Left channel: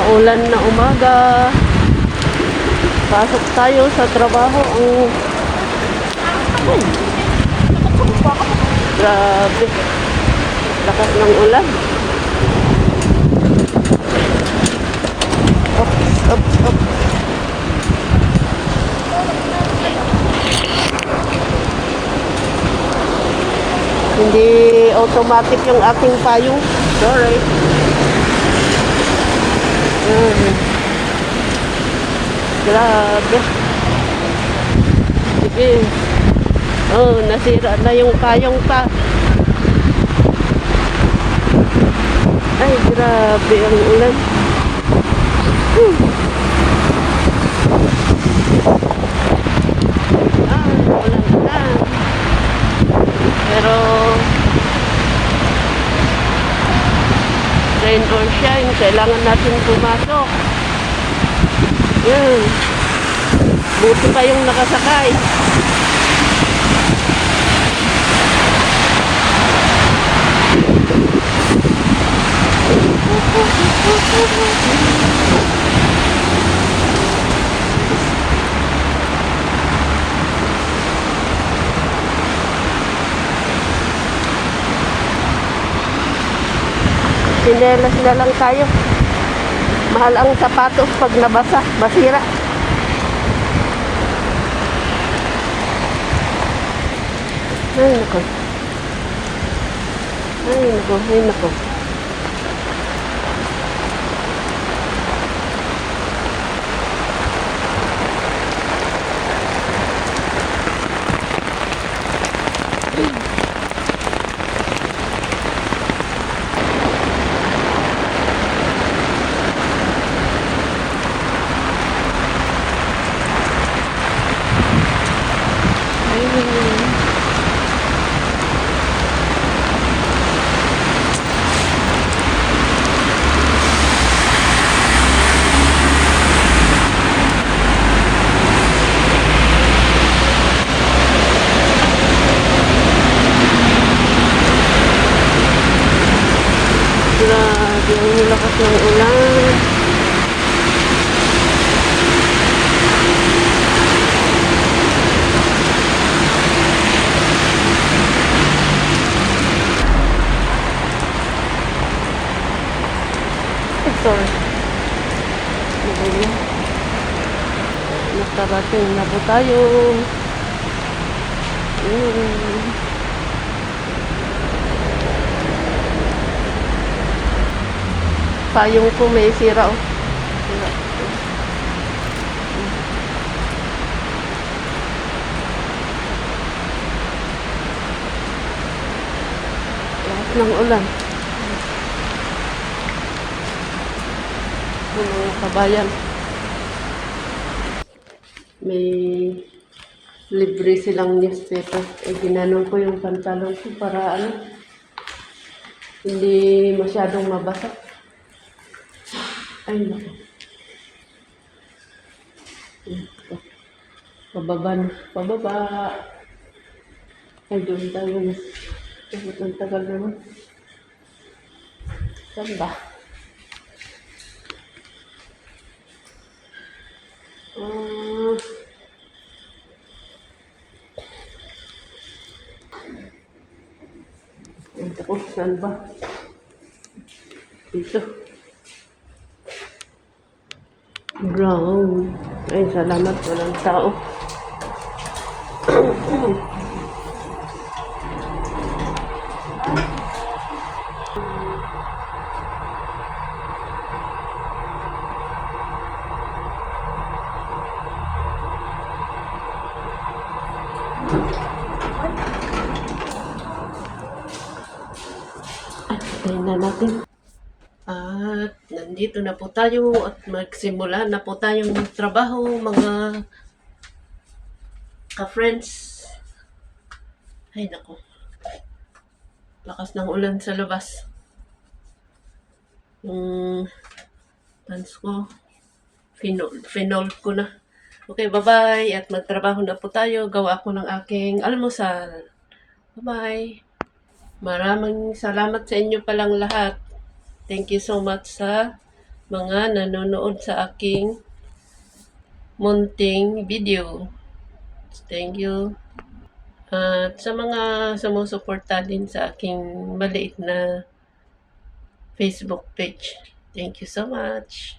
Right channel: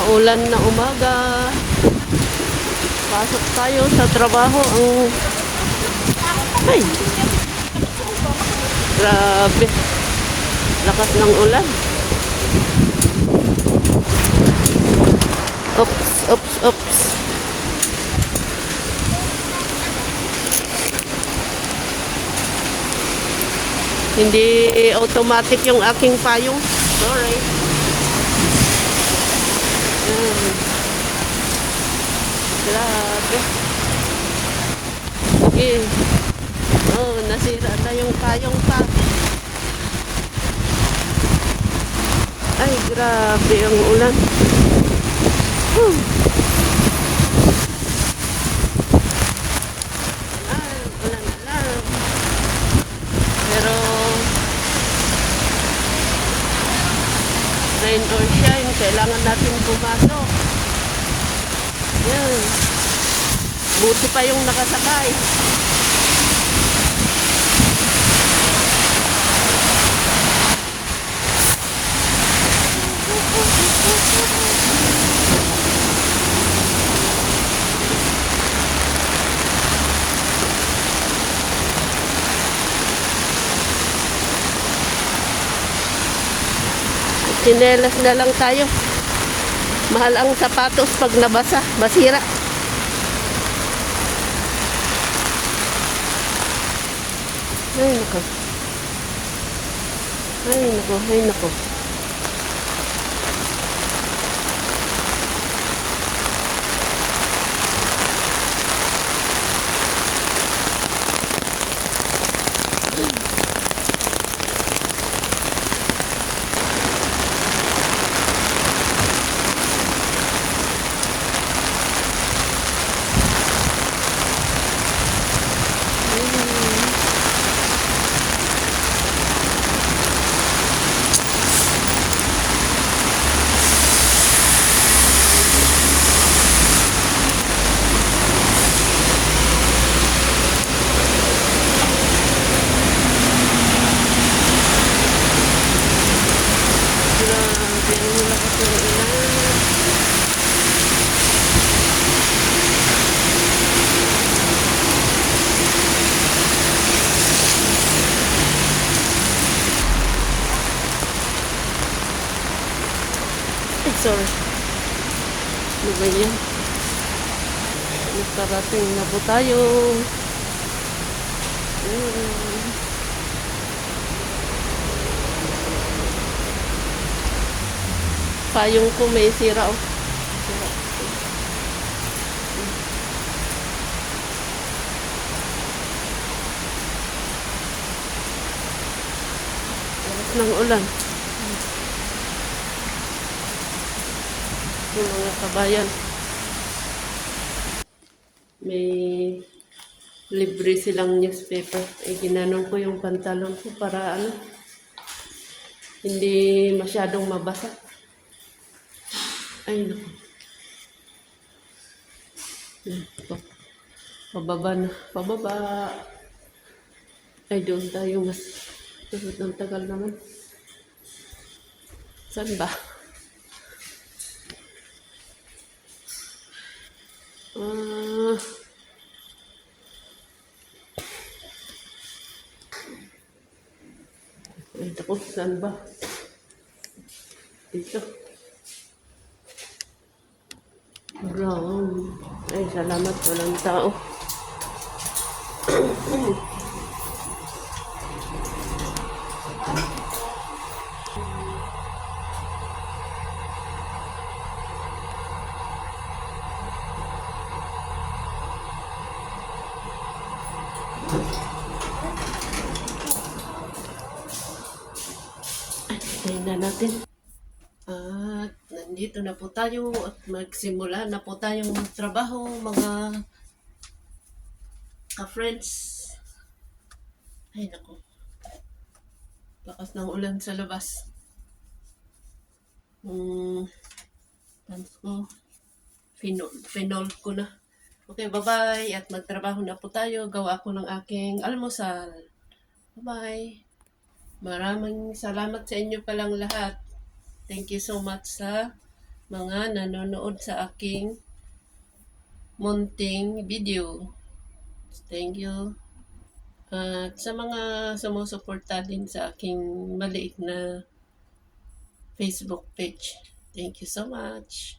Maulan na umaga. Pasok tayo sa trabaho. Ay, grabe. Lakas ng ulan. Oops, oops, oops. Hindi automatic yung aking payong. Sorry. Grabe. Okay. Oh, nasira na yung payong pa. Ay, grabe ang ulan. Ulan na. Pero rain or shine, kailangan natin pumasok. Buti pa yung nakasakay. Sinelas na lang tayo. Mahal ang sapatos pag nabasa, masira. Ay, nako. Ay, nako, ay, nako. Grabe, ang lakas ng ulan. Sorry. Ayan. Nakarating na po tayo. Payong ko may sira. Ng ulan. Kabayan. May libre silang newspaper. Ginanong ko yung pantalon ko para hindi masyadong mabasa. Ay, naku. Pababa na. Pababa. Ay, doon tayo. Mas ang tagal naman. Saan ba? Ay, naku. Saan ba? Dito. Brown. Ay, salamat. Walang tao. Ay, tayo na natin. At nandito na po tayo at magsimula na po tayong magtrabaho, mga ka-friends. Ay, naku. Lakas ng ulan sa labas. Yung pants ko, finold ko na. Okay, bye-bye. At magtrabaho na po tayo. Gawa ko ng aking almusal. Bye-bye. Maraming salamat sa inyo palang lahat. Thank you so much sa mga nanonood sa aking munting video. Thank you. At sa mga sumusuporta din sa aking maliit na Facebook page. Thank you so much.